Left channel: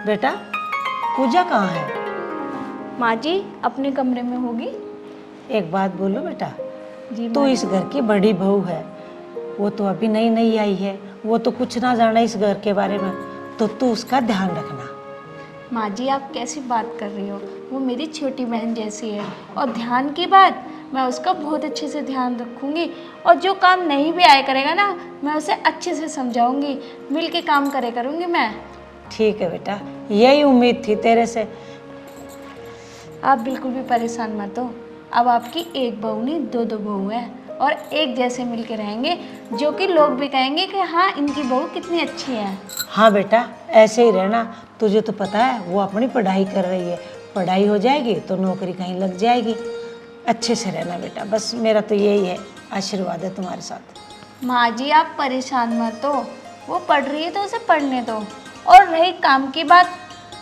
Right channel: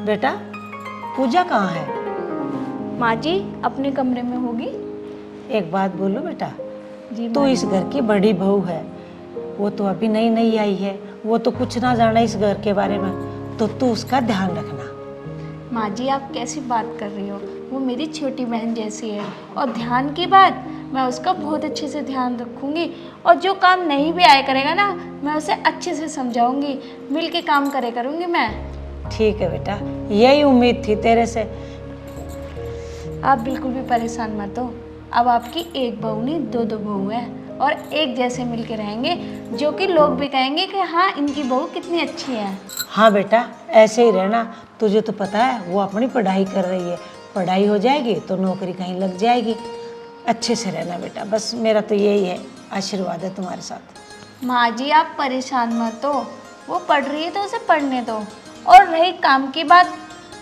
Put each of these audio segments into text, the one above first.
बेटा पूजा कहाँ है? माँ जी अपने कमरे में होगी। एक बात बोलो बेटा, जी तू माँ इस घर की बड़ी बहू है, वो तो अभी नई नई आई है, वो तो कुछ ना जाना इस घर के बारे में, तो तू उसका ध्यान रखना। माँ जी आप कैसी बात कर रही हो, वो मेरी छोटी बहन जैसी है। और ध्यान की बात, मैं उसका बहुत अच्छे से ध्यान रखूँगी। और जो काम नहीं भी आया करेगा ना, मैं उसे अच्छे से समझाऊँगी, मिल के काम करे करूँगी मैं। ठीक है बेटा, यही उम्मीद थी तेरे से। आप बिल्कुल भी परेशान मत हो। अब आपकी एक बहू नहीं दो दो बहू है, और एक जैसे मिल के रहेंगे, जो कि लोग भी कहेंगे कि हाँ इनकी बहू कितनी अच्छी है। हाँ बेटा ऐसे ही रहना। तुझे तो पता है वो अपनी पढ़ाई कर रही है, पढ़ाई हो जाएगी तो नौकरी कहीं लग जाएगी। अच्छे से रहना बेटा, बस मेरा तो यही है, आशीर्वाद है तुम्हारे साथ। माँ जी आप परेशान मत हो, वो पढ़ रही है तो उसे पढ़ने दो। और रही काम की बात,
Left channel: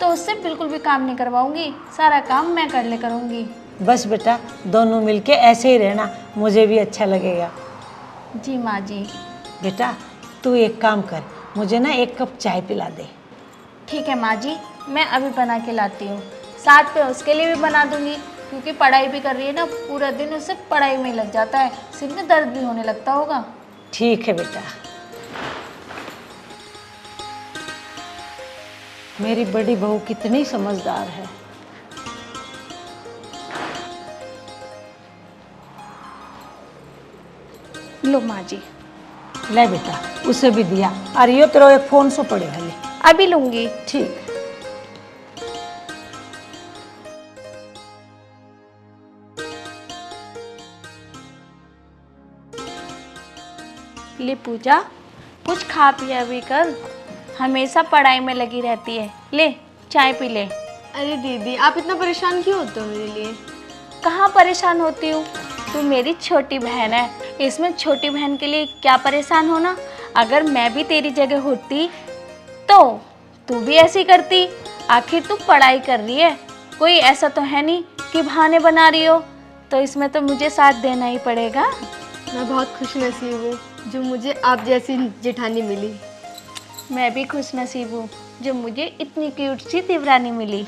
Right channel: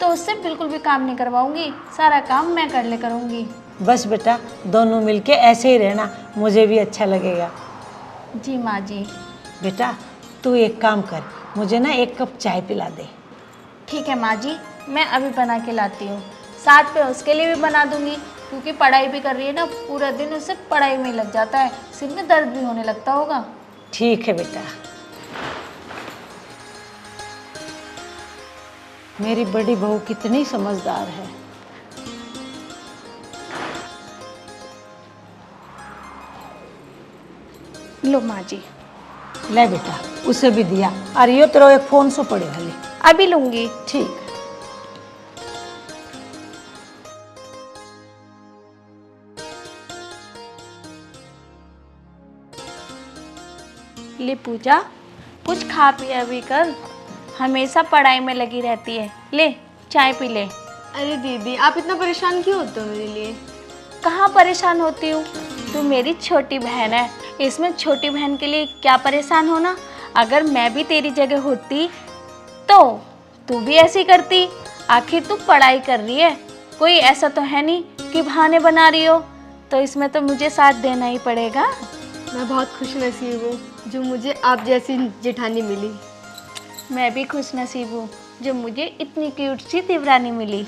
तो उससे बिल्कुल भी काम नहीं करवाऊंगी, सारा काम मैं कर ले करूँगी। बस बेटा दोनों मिलके ऐसे ही रहना, मुझे भी अच्छा लगेगा। जी माँ जी। बेटा तू एक काम कर, मुझे ना एक कप चाय पिला दे। ठीक है माँ जी, मैं अभी बना के लाती हूँ। साथ पे उसके लिए भी बना दूँगी, क्योंकि पढ़ाई भी कर रही है ना, पूरा दिन उसे पढ़ाई में ही लग जाता है, सिर में दर्द भी होने लगता होगा। ठीक है बेटा। मेरी बड़ी बहू कितनी समझदार है। लो माँ जी। ले बेटा उसे भी दिया, और ये तेरा एक फोन सो पड़े भले। अभी लूँगी। ठीक। ले पूजा, कुछ खा पिया भी कर, हमेशा पढ़ाई में लगी रहती है। ले चाय पी ले। अरे दीदी आप इतना परेशान क्यों होते हो मेरे लिए? कहाँ परेशान होती हूँ, तू मेरी छोटी बहन है, इसमें छोटी बहन के लिए क्या परेशान होना। अगर मैं भी तेरी जगह होती तो तू भी ऐसी करती। आखिर तू पढ़ाई कर रही है, कोई ऐसा तो है नहीं कि बहाने बना रही हो, तो इसमें तो मुझे साथ देना ही पड़ेगा। मैं बहुत खुश नसीब हूँ जो मुझे आप जैसी जेठानी मिली। मैं भी खुश नसीब हूँ जो मुझे इतनी क्यूट सी देवरानी मिली।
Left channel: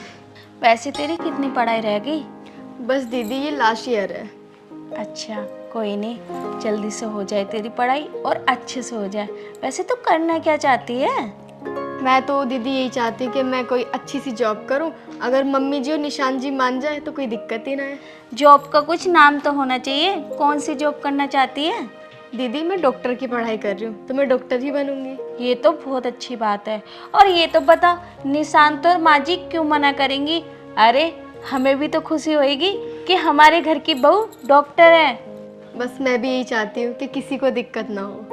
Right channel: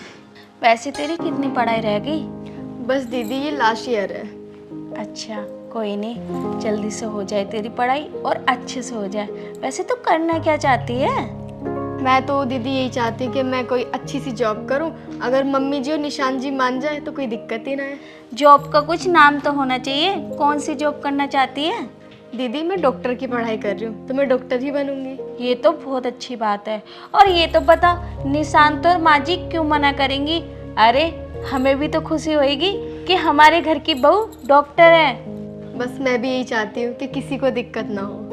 वैसे तेरी कितनी पढ़ाई रह गई? बस दीदी ये लास्ट ईयर है। अच्छा कोई नहीं, जल्दी से हो जाए तेरी पढ़ाई और अच्छे से हो जाए। वैसे तू करना क्या चाहती है? मैं तो दीदी यही चाहती हूँ कि मैं कोई अच्छी सी जॉब करूँ, अगर मम्मी जी और निशान जी मान जाए तो कोई दिक्कत ही ना है। जॉब का कुछ नाम तो होना चाहिए, कौन सी जॉब करना चाहती है? दीदी मैं डॉक्टर की पढ़ाई कर रही हूँ, तो मैं डॉक्टर ही बनूंगी। ये तो बहुत अच्छी बात है। और ये तो बता, निशांत और माँ जी क्यों मना करेंगी? अरे हमें भी तो खुशी होएगी कि हमारे घर की बहू डॉक्टर है। बस मैं भी यही चाहती हूँ कि किसी को दिक्कत ना हो।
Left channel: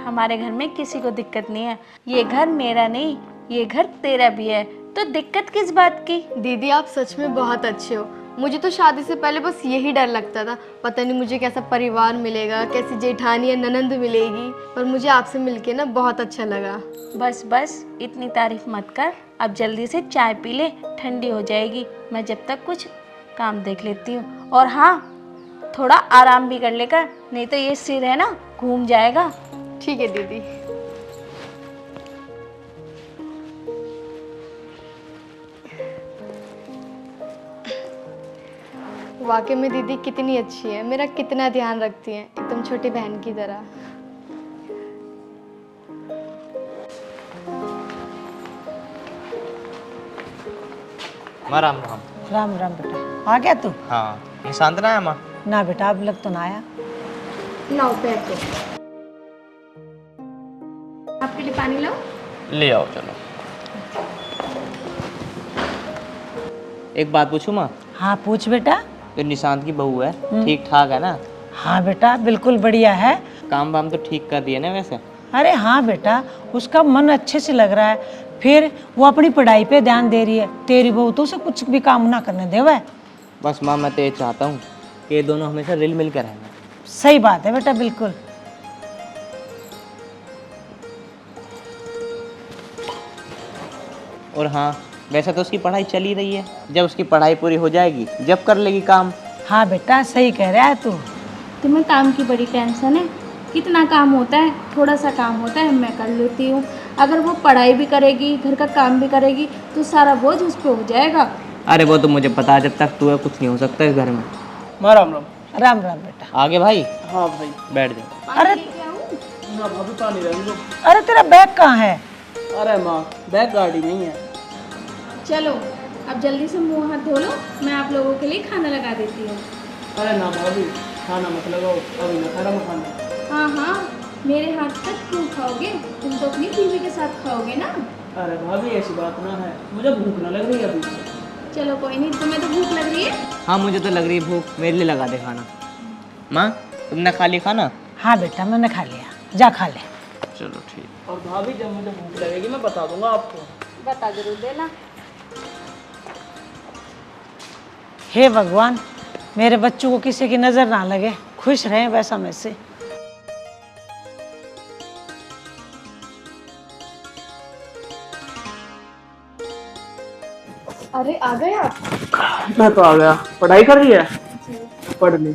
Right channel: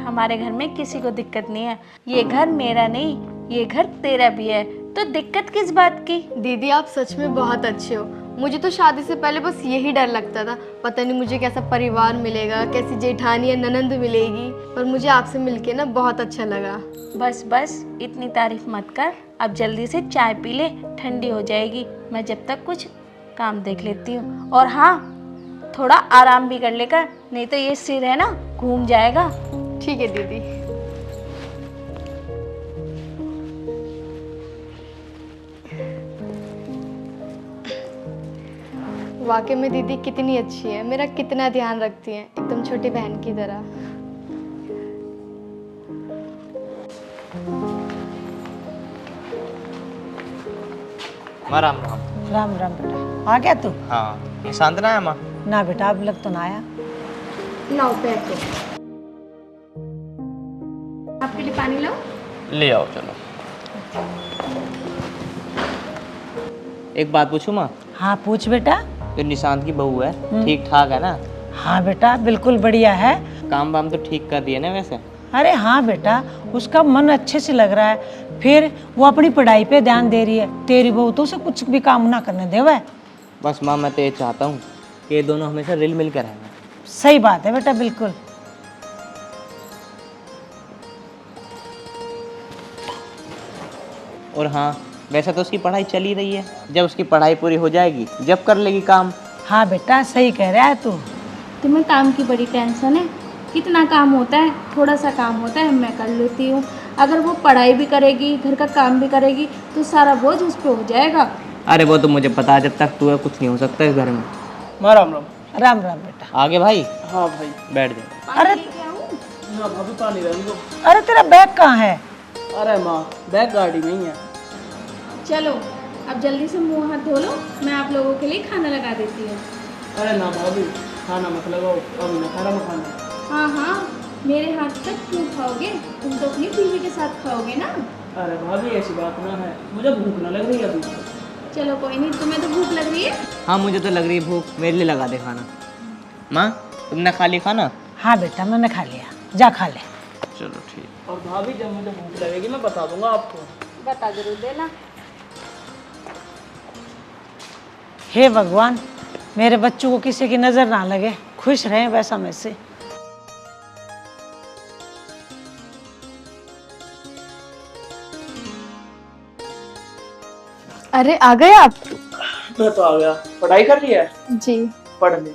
हमारे घर में किसी को दिक्कत नहीं है, ये घर मेरा नहीं, ये घर तेरा भी है, तो दिक्कत किस बात की? दीदी आप सच में बहुत अच्छे हो। मुझे तो शादी से पहले बस यही डर लगता था, पता नहीं मुझे कैसा परिवार मिलेगा, कैसी जेठानी या ननंद मिलेगी, पर मुझे आपसे मिलके ना बहुत अच्छा लगा। बस बस इतनी तारीफ मत कर, अब जल्दी से चाय पी ले, ठंडी हो जाएगी। मैं जब तक कुछ काम देख लेती हूँ। और हाँ, थोड़ा आराम भी कर लेकर, नहीं तो ये सिर है ना घूम जाएगा। ठीक है दीदी। वाकई में दीदी कितनी अच्छी है, मेरा कितना ध्यान रखती हैं, एकदम छोटी बहन की तरह। माँ राम राम। राम राम बेटा, आ गया तू? हाँ निशांत ना है माँ? ना बेटा अब लग तो ना आया। लाओ बैठो, आपके लिए पानी लाओ। ले आओ चलो। एक बात पूछूं माँ? हाँ पूछ बेटा। जो निशांत की बहू है ठीक ठाक है ना? हाँ बेटा बिल्कुल बढ़िया है। काम वाम तो ठीक कर रही है ना वैसे? अरे हाँ बेटा, उसका मन अच्छे से लग रहा है, फिर वो अपनी पढ़ाई पे ध्यान दे रही है। तेरी बहू तो उसे कुछ भी काम ना करने दे। वह बस माँ मैं तो ये चाहता हूँ कि ये दोनों हमेशा रिल मिल कर रहेंगे। सही बात है बेटा, बिल्कुल। और हाँ वैसे तो उसकी पढ़ाई चल ही रही है, जब उसकी पढ़ाई पूरी हो जाएगी जब कर लेगी काम। हाँ बेटा सही कह रहा है तू। तुम्हें काम की बड़ी टेंशन है, कितना काम होता है, थोड़ा सा काम होता है मैं कर लेती हूँ। अगर वो पढ़ाई भी करेगी, घर का काम भी करेगी, तो सारा बोझ उस पे हो जाएगा। अरे वो तो मुझे पता है, जब तक तू है कुछ नहीं हो सकता इस घर में। माँ राम राम। राम राम बेटा। आगे भाई हाँ भाई। बैठ जा। अरे ना भाभी पानी रहने दो। अरे तेरा बैग कहाँ है? अरे माँ बैग गाड़ी में ही है। चलो अब जल्दी से मुंह हाथ धो लो, मैं आप लोगों के लिए खाना लगा देती हूँ। अरे ना भाभी खाना मत लगाओ, अभी ना खा रहा खाना। हाँ हाँ, मेरे हाथ तक क्यों खाओगे, तुम तो अपनी बीवी के साथ खाओगे ना। अरे भाभी ऐसी बात ना है, मुझे भूख ना लग रही अभी। चलो कोई नहीं, तुम्हें तो भूख लग रही है। हाँ मुझे तो लग रही है भूख, मेरे लिए लगा दे खाना। माँ तुमने खा लिया खाना? हाँ बेटा मैंने खा लिया, जा खा ले। चलो ठीक। और भाभी जब मुझे भूख लगेगी मैं बता दूंगा आपको। बता जरूर देना। हे भगवान, मेरे बच्चों को किसी की नजर ना लगे, खुश रहें वैसा मैं से। अरे आ गए आप? मैं तो आ गया। पढ़ाई कर रही है? जी। पढ़ ली।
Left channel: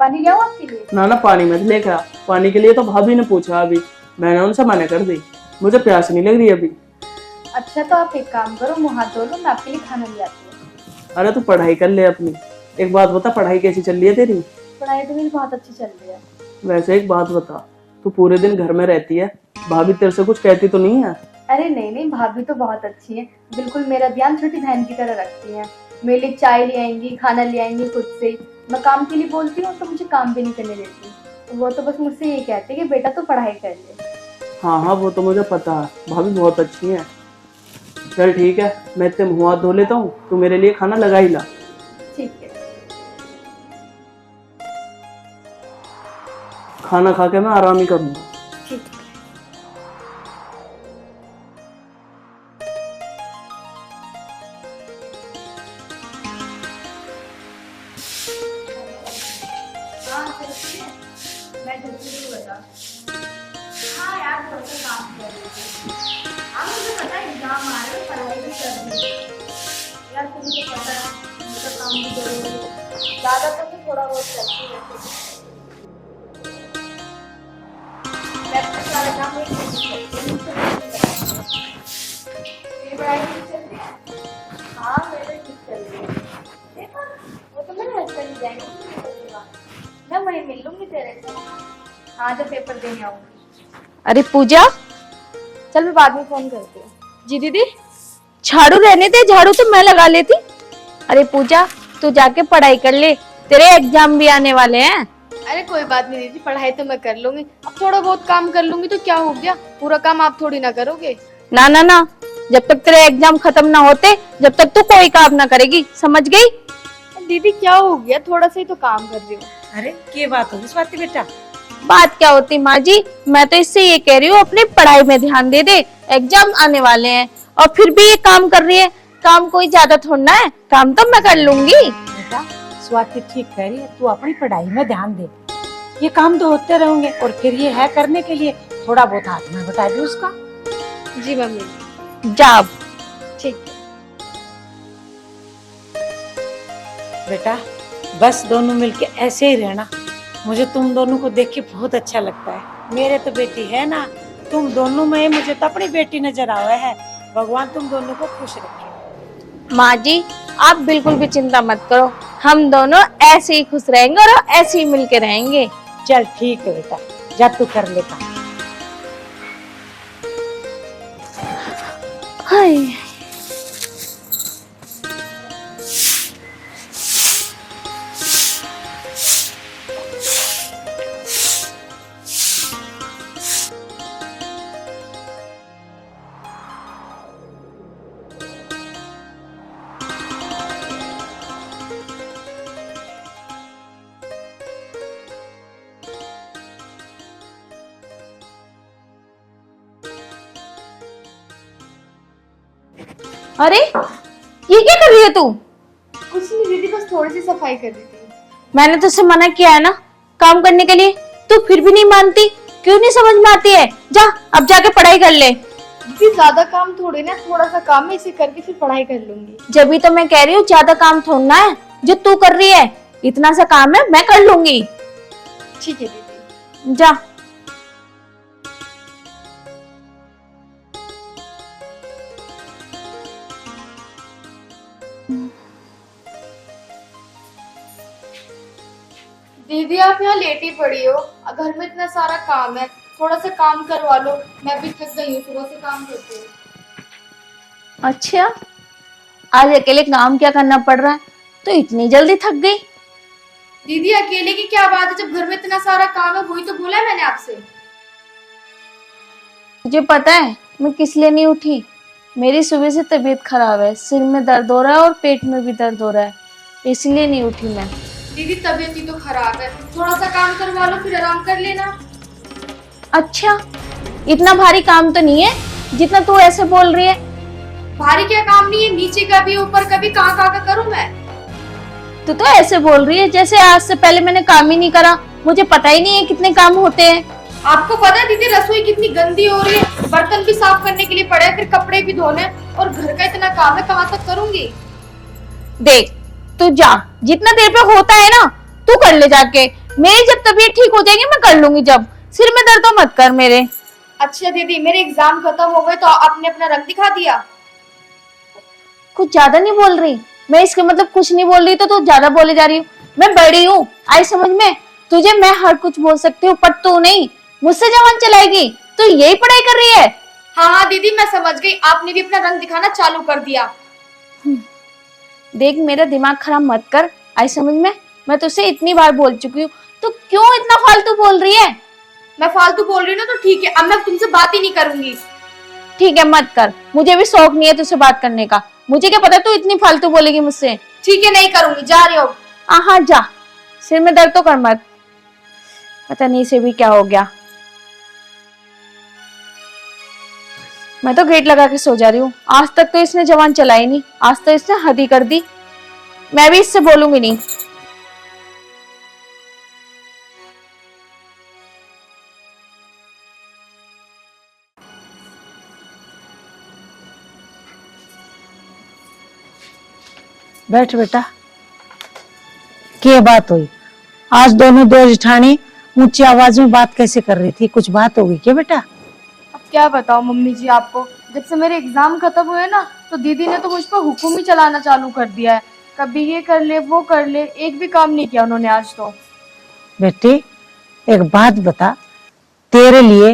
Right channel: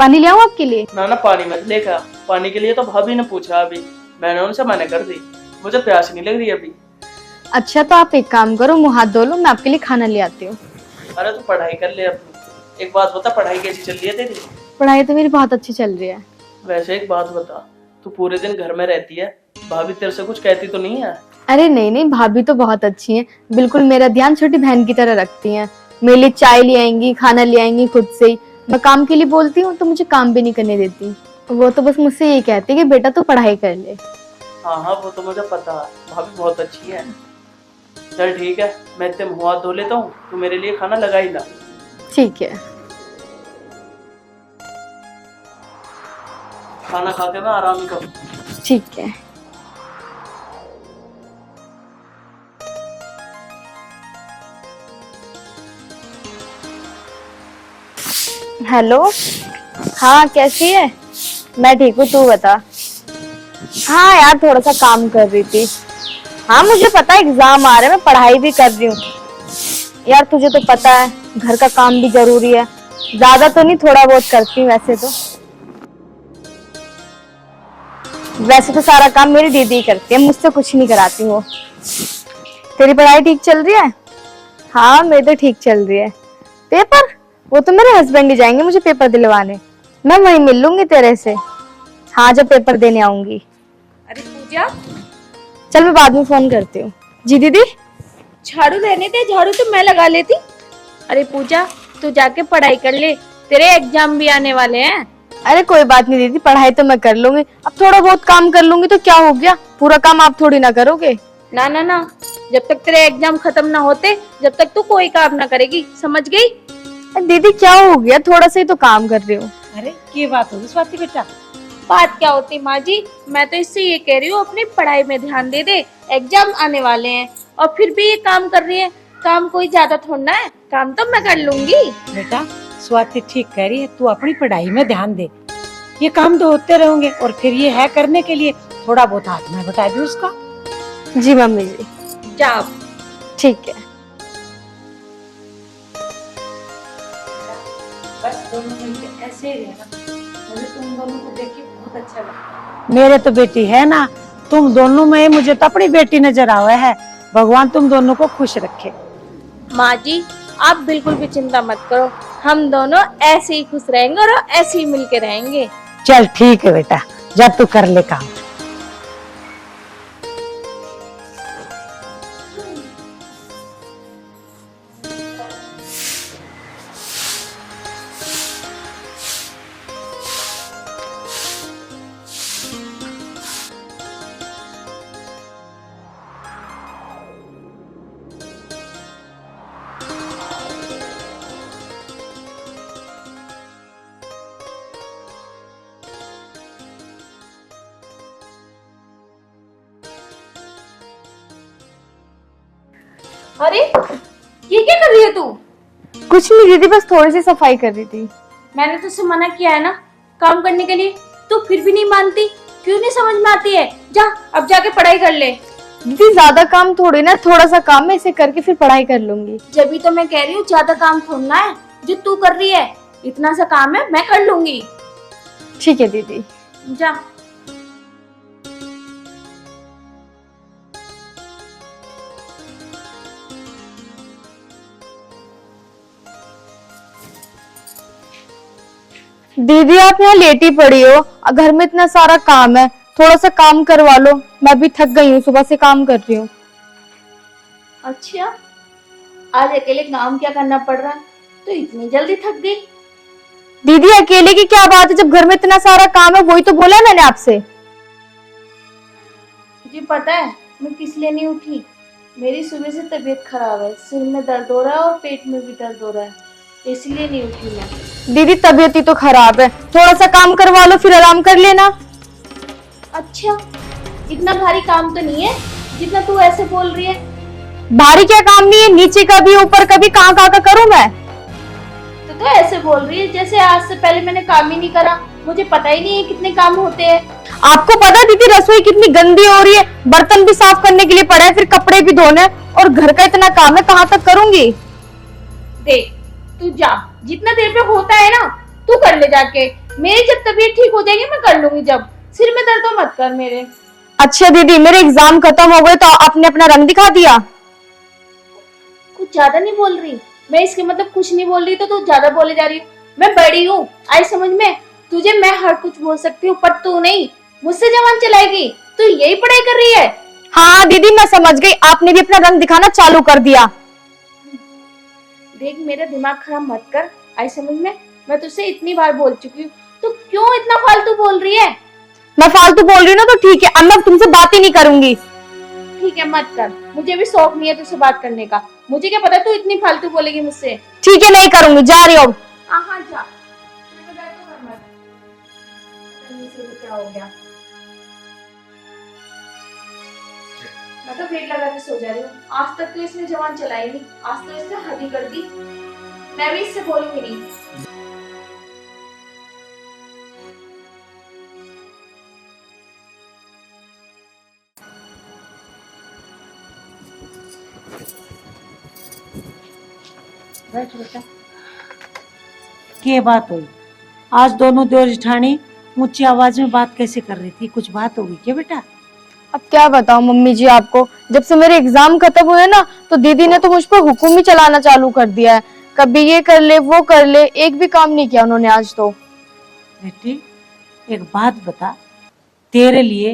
पानी ले आऊं आपके लिए? ना ना पानी मत लेकर। पानी के लिए तो भाभी ने पूछा अभी, मैंने उनसे मना कर दी, मुझे प्यास नहीं लग रही अभी। अच्छा तो आप एक काम करो, मुंह हाथ धो लो, मैं आपके लिए खाना ले आती हूँ। अरे तू पढ़ाई कर ले अपनी। एक बात बता, पढ़ाई कैसी चल रही है तेरी? पढ़ाई तो मेरी बहुत अच्छी चल रही है। वैसे एक बात बता, तू पूरे दिन घर में रहती है, भाभी तेरे से कुछ कहती तो नहीं है? अरे नहीं नहीं, भाभी तो बहुत अच्छी हैं, बिल्कुल मेरा ध्यान छोटी बहन की तरह रखती हैं। मेरे लिए चाय ले आएंगी, खाना ले आएंगी खुद से ही। मैं काम के लिए बोलती हूँ तो मुझे काम भी नहीं करने देती। वो तो बस मुझसे ये कहती है कि बेटा तू पढ़ाई कर ले। हाँ हाँ वो तो मुझे पता है, भाभी बहुत अच्छी है। चल ठीक है, मैं इतने मुँह हाथ धो लेता हूँ, तू मेरे लिए खाना लगा ही ला। ठीक है। खाना खा के मैं आराम ही करूँगा। ठीक है। हेलो, हाँ कैसी है? मैं ठीक हूँ, तू बता। हाँ यार थोड़ा सा काम कर रही थी। हाँ मुझे पता है एग्जाम आ रहे हैं, मैं पढ़ाई भी कर रही हूँ। यार तुझे तो पता है घर का काम भी जरूरी है, ज्यादा तो नहीं थोड़ा बहुत करती हूँ वैसे तो। वैसे तो सारा काम मेरी दीदी करती है, मुझसे कुछ नहीं कराती वो। तेरी पढ़ाई ठीक चल रही है? हाँ मेरी तो ठीक चल रही है। पेपर? वो तो मेरे हस्बैंड ही जाएंगे मुझे पेपर दिलवाने, मैं वहीं मिल लूंगी तेरे से। हाँ जब पेपर देने आऊंगी। अरे पूजा, चल मैं बाद में फोन करती हूँ। जी दीदी। झाड़ू रहने दे, झाड़ू तो मैं लगा लेती। अरे पूजा तू जाके पढ़ाई कर ले, तेरे एग्जाम भी आने वाले हैं। अरे कोई बात नहीं दीदी, पढ़ाई तो मैं कर लूंगी, अब थोड़ा बहुत काम कर लूंगी तो क्या हो गया, पूरा काम आप थोड़ी ना करोगे। ना ना ना, जब तक तेरे एग्जाम खत्म ना होते जब तक तो कोई काम ना करेगी, समझ गई? दीदी क्या हो गया, थोड़ा सा ही तो काम कर रही हूँ। अरे की बात होगी स्वाति बेटा? बात क्या होती माँ जी, मैं तो इससे ये कह रही हूँ अपनी पढ़ाई में ध्यान दे दे, एग्जाम आने वाले हैं और फिर भी ये काम कर रही है। काम कोई ज्यादा थोड़ा है, काम तो मैं कर लूंगी। बेटा स्वाति ठीक कह रही है, तू अपनी पढ़ाई में ध्यान दे, ये काम तो होते रहेंगे और फिर ये है करने के लिए, थोड़ा बहुत हाथ में बता दे उसका। जी मम्मी जी। जा अब। ठीक है। बेटा बस दोनों मिलके ऐसे ही रहना, मुझे तुम दोनों को देख के बहुत अच्छा लगता है। मेरे तो बेटी है ना, तुम दोनों में मुझे तो अपनी बेटी नजर आवा है। भगवान तुम दोनों को खुश रखे। माँ जी आप बिल्कुल भी चिंता मत करो, हम दोनों ऐसे ही खुश रहेंगे और ऐसे ही मिलके रहेंगे। चल ठीक है बेटा, जा तू कर ले काम। हाय अरे ये क्या कर रही है तू? कुछ नहीं दीदी, बस थोड़ी सी सफाई कर रही थी। मैंने तुझसे मना किया है ना काम करने के लिए, तू फिर भी नहीं मानती, क्यों नहीं समझ में आती है? जा अब जाके पढ़ाई कर ले। दीदी ज्यादा काम थोड़ी ना, थोड़ा सा काम है, इसे करके फिर पढ़ाई कर लूंगी। जब भी तो मैं कह रही हूँ ज्यादा काम थोड़ना है जो तू कर रही है, इतना सा काम है मैं कर लूंगी। ठीक है दीदी। जा। दीदी आप यहाँ लेटी पड़ी हो, घर में इतना सारा काम है, थोड़ा सा काम करवा लो। मैं भी थक गई हूँ, सुबह से काम कर रही हूँ। अच्छा, आज अकेले काम क्या करना पड़ रहा है, तो इतनी जल्दी थक गई? दीदी अकेले की क्या बात है, जब घर में इतना सारा काम है, वही तो बोला मैंने आपसे। मुझे पता है मैं किस लिए नहीं उठी। मेरी सुबह से तबीयत खराब है, सिर में दर्द हो रहा है और पेट में भी दर्द हो रहा है, इसलिए नहीं उठी मैं। दीदी तबीयत ही तो खराब है, थोड़ा सा काम करवा लो फिर आराम कर लेना। अच्छा, इतना भारी काम तो नहीं है जितना तू ऐसे बोल रही है। भारी क्या काम नहीं है, नीचे का भी ऊपर का भी कहाँ कहाँ का करूँ मैं। तू तो ऐसे बोल रही है जैसे आज से पहले मैंने काम ही नहीं करा, मुझे पता ही नहीं है कितने काम होते हैं। आपको पता है दीदी रसोई कितनी गंदी हो रही है, बर्तन भी साफ करने के लिए पड़ा है, फिर कपड़े भी धोने हैं, और घर का इतना काम है, कहाँ तक करूंगी। देख तू जा, जितना देर पे होता है ना तू कर ले जाके, मेरी जब तबीयत ठीक हो जाएगी मैं कर लूंगी। जब सिर में दर्द हो मत कर मेरे। अच्छा दीदी, मेरे एग्जाम खत्म हो गए तो आपने अपना रंग दिखा दिया। कुछ ज्यादा नहीं बोल रही मैं, इसके मतलब कुछ नहीं बोल रही तो तू ज्यादा बोले जा रही हूँ। मैं बड़ी हूँ, आई समझ में, तुझे मैं हर कुछ बोल सकती हूँ पर तू नहीं, मुझसे जबान चलाएगी। तो यही पढ़ाई कर रही है? हाँ दीदी मैं समझ गई, आपने भी अपना रंग दिखाना चालू कर दिया। देख मेरा दिमाग खराब मत कर, आई समझ में, मैं तुझसे इतनी बार बोल चुकी हूँ, तो क्यों इतना फालतू बोल रही है? मैं फालतू बोल रही हूँ ना तो ठीक है, अब मैं तुमसे बात ही नहीं करूंगी। ठीक है मत कर, मुझे भी शौक नहीं है तुझसे बात करने का, मुझे क्या पता तू इतनी फालतू बोलेगी मुझसे। ठीक है नहीं करूंगी, जा रही हो। हाँ जा, सिर में दर्द तो कर मत, पता नहीं इसे भी क्या हो गया। मैं तो गेट लगा के सो जा रही हूँ, आज तक तो इसने जबान चलाई नहीं, आज तो इसने हद ही कर दी। मैं भी इससे बोलूंगी नहीं। बैठ बेटा। क्या बात हुई? आज दोनों दो जेठानी ऊंची आवाज में बात कैसे कर रही थी? कुछ बात होगी क्या बेटा? अब क्या बताऊं मम्मी जी आपको, जब से मेरे एग्जाम खत्म हुए ना तो दीदी ने तो मुझ पर हुक्म ही चलाना चालू कर दिया है। कभी ये कर ले वो कर ले, एक भी काम नहीं किया उन्होंने आज तो। बेटी एक बात बता, तेरे लिए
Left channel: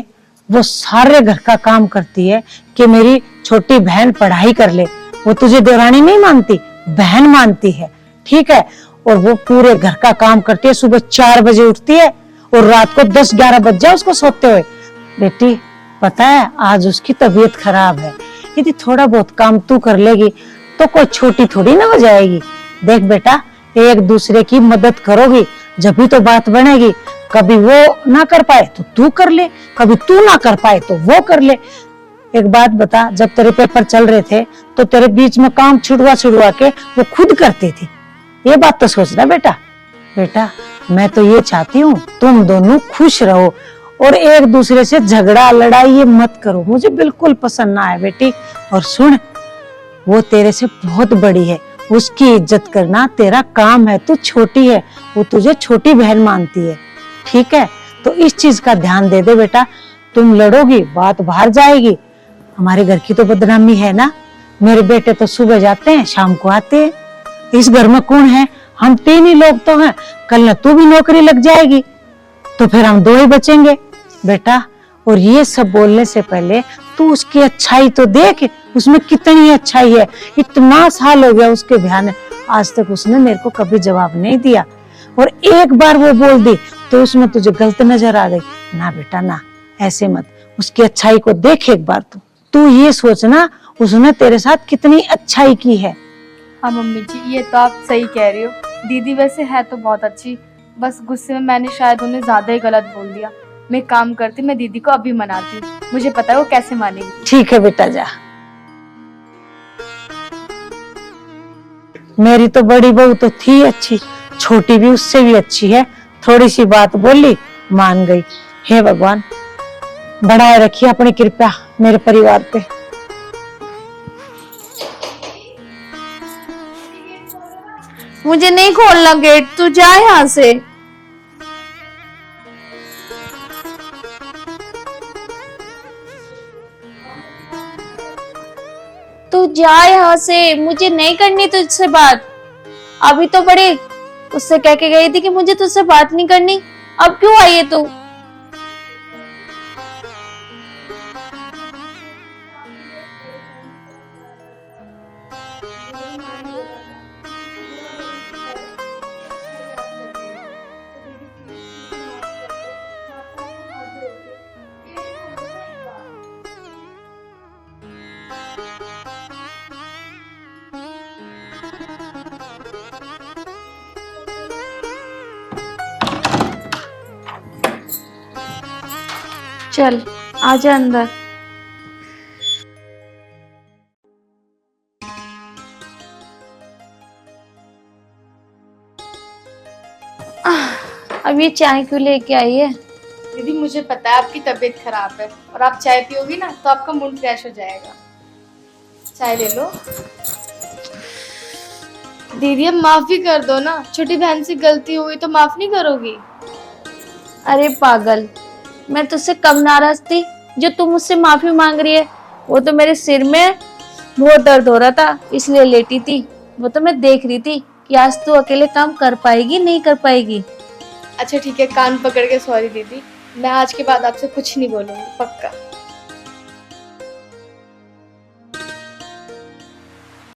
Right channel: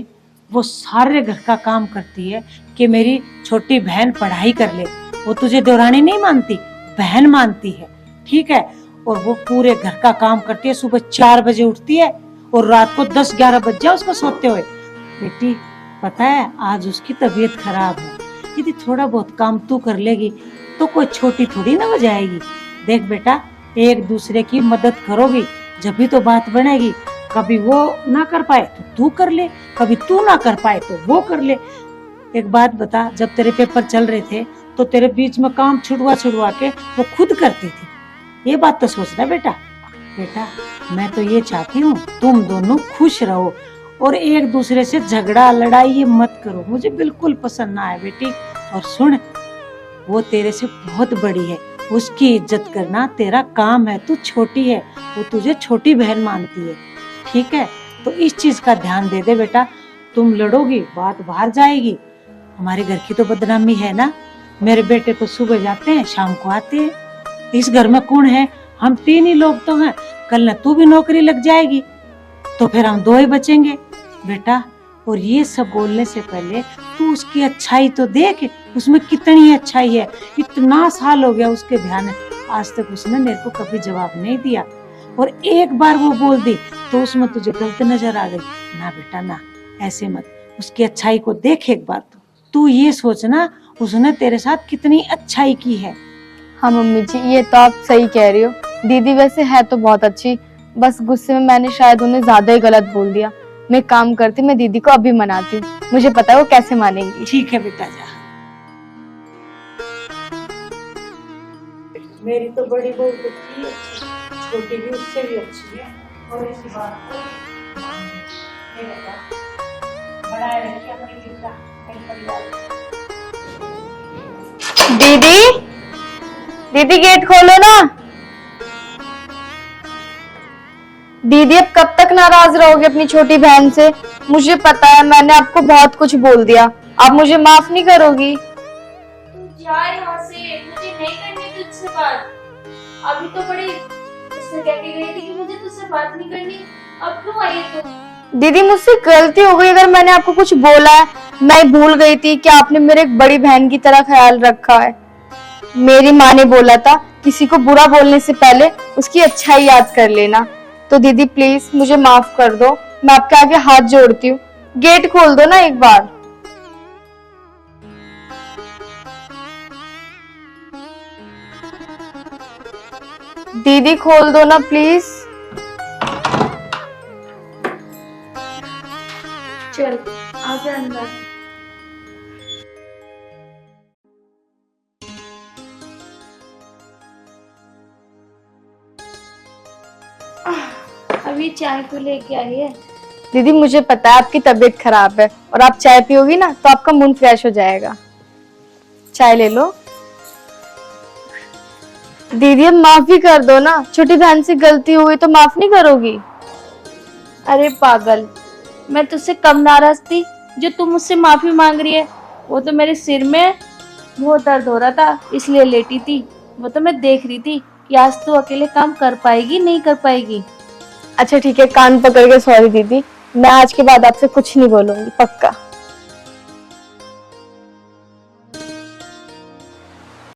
वो सारे घर का काम करती है कि मेरी छोटी बहन पढ़ाई कर ले, वो तुझे देवरानी नहीं मानती, बहन मानती है, ठीक है? और वो पूरे घर का काम करती है, सुबह 4 बजे उठती है और रात को 10-11 बज जाए उसको सोते हुए। बेटी पता है आज उसकी तबीयत खराब है, यदि थोड़ा बहुत काम तू कर लेगी तो कोई छोटी थोड़ी ना हो जाएगी। देख बेटा, एक दूसरे की मदद करोगी जब भी तो बात बनेगी। कभी वो ना कर पाए तो तू कर ले, कभी तू ना कर पाए तो वो कर ले। एक बात बता, जब तेरे पेपर चल रहे थे तो तेरे बीच में काम छुड़वा के वो खुद करती थी, ये बात तो सोचना बेटा। बेटा मैं तो ये चाहती हूँ तुम दोनों खुश रहो और एक दूसरे से झगड़ा लड़ाई ये मत करो, मुझे बिल्कुल पसंद ना है बेटी। और सुन, वो तेरे से बहुत बड़ी है, उसकी इज्जत करना तेरा काम है, तू छोटी है, वो तुझे छोटी बहन मानती है, ठीक है? तो इस चीज का ध्यान दे दे बेटा। तुम लड़ोगी बात बाहर जाएगी, हमारे घर की तो बदनामी है ना। मेरे बेटे तो सुबह जाते हैं शाम को आते हैं, इस घर में कौन है? हम 3 ही लोग तो हैं, कल न तू भी नौकरी लग जाएगी तो फिर हम 2 ही बचेंगे बेटा। और ये सब बोलने से पहले तू उसकी अच्छाई तो देख, उसमें कितनी अच्छाई है। इतना साल हो गया उसके ध्यान है, आज तक उसने मेरे को कभी जवाब नहीं दिया, और एक बार वो बोल दी तो उसमें तुझे गलत नजर आ गई ना बेटा ना, ऐसे मत। उसकी अच्छाई को देख एक बार, तू ये सोचना उसने तेरे साथ कितनी अच्छाई की है। हाँ मम्मी जी ये तो आप सही कह रही हो, दीदी वैसे है तो बहुत अच्छी, बस गुस्से में मैंने शायद उन्हें ज्यादा ही गलत बोल दिया। मैं काम करती, मैं दीदी को अभी मनाती हूँ, मुझे पता है वो कैसे मानेंगी। ठीक है बेटा जा। मेरी तो बड़ी बहू तो थी अच्छी, छोटी भी उससे भी अच्छी है, थोड़ी सी बात बोली मान गई। हे भगवान बढ़ाए रखिए अपनी कृपा मेरे परिवार पे। दीदी दीदी गेट खोलो ना। मुझे नहीं खोलना गेट, तू जा यहाँ से। दीदी अब कब तक नाराज रहोगे अपनी छोटी बहन से? मुझे पता है मैंने आपको बहुत कुछ बोल दिया, आप मुझे माफ नहीं करोगी? तू जा यहाँ से, मुझे नहीं करनी तुझसे बात। अभी तो बड़े उससे कह के गई थी कि मुझे तुझसे बात नहीं करनी, अब क्यों आई है तू? दीदी मुझसे गलती हो गई, अगर मैंने आपको कुछ बोला है, मैं भूल गई थी कि आपने मेरे एक बड़ी बहन की तरह ख्याल रखा है। मेरी माँ ने बोला था किसी को बुरा बोलने से पहले उसकी अच्छाई याद कर लेना। तो दीदी प्लीज मुझे माफ कर दो, मैं आपके आगे हाथ जोड़ती हूँ, गेट खोल दो ना एक बार। दीदी खोल दो ना प्लीज। चल आजा अंदर। अब ये चाय क्यों लेके आई है? दीदी मुझे पता है आपकी तबीयत खराब है और आप चाय पियोगी ना तो आपका मूड फ्रेश हो जाएगा। चाय ले लो। दीदी अब माफ भी कर दो ना, छोटी बहन से गलती हुई तो माफ नहीं करोगी? अरे पागल, मैं तुझसे कम नाराज थी जो तू मुझसे माफी मांग रही है? वो तो मेरे सिर में बहुत दर्द हो रहा था इसलिए लेटी थी। वो तो मैं देख रही थी कि आज तू अकेले काम कर पाएगी नहीं कर पाएगी। अच्छा ठीक है, कान पकड़ के सॉरी दीदी, मैं आज के बाद आपसे कुछ नहीं बोलूंगी, पक्का।